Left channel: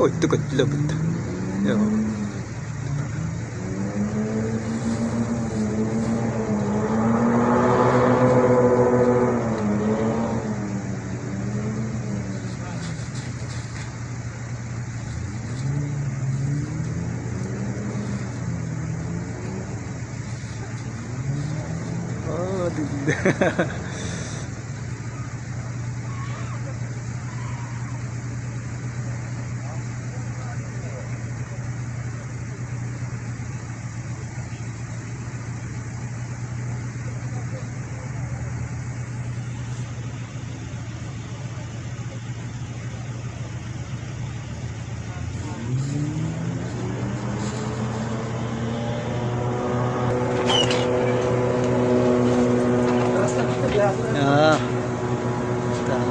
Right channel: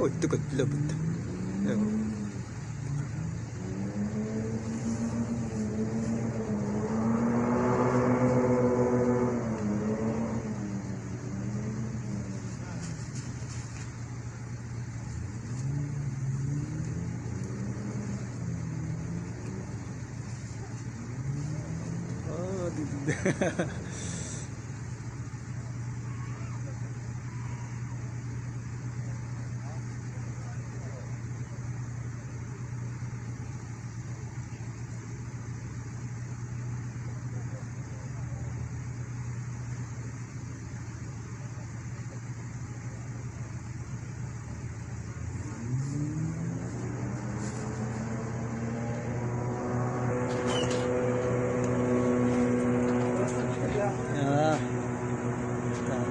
Ой, такой любит. А, так.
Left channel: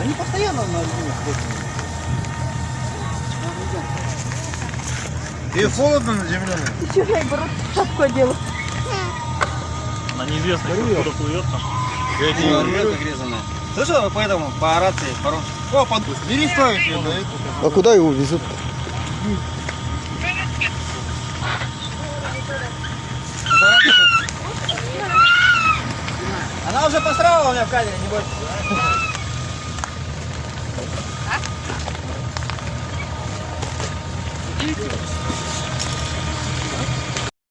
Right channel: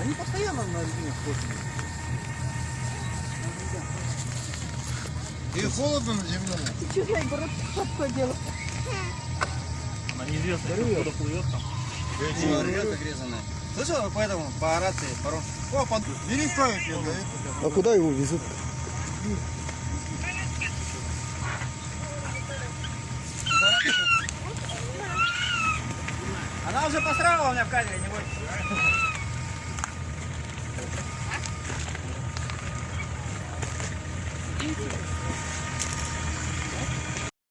Они постоянно на зимах ходят. И холодно на земле? Ты чего, я шапку одела? На неизвестно, откуда плывет там. Слышал, поэтому по рации хороший. О, бери ставишь ее, да? А куда его везут? Она уже посрала у меня в кадре, не бойся.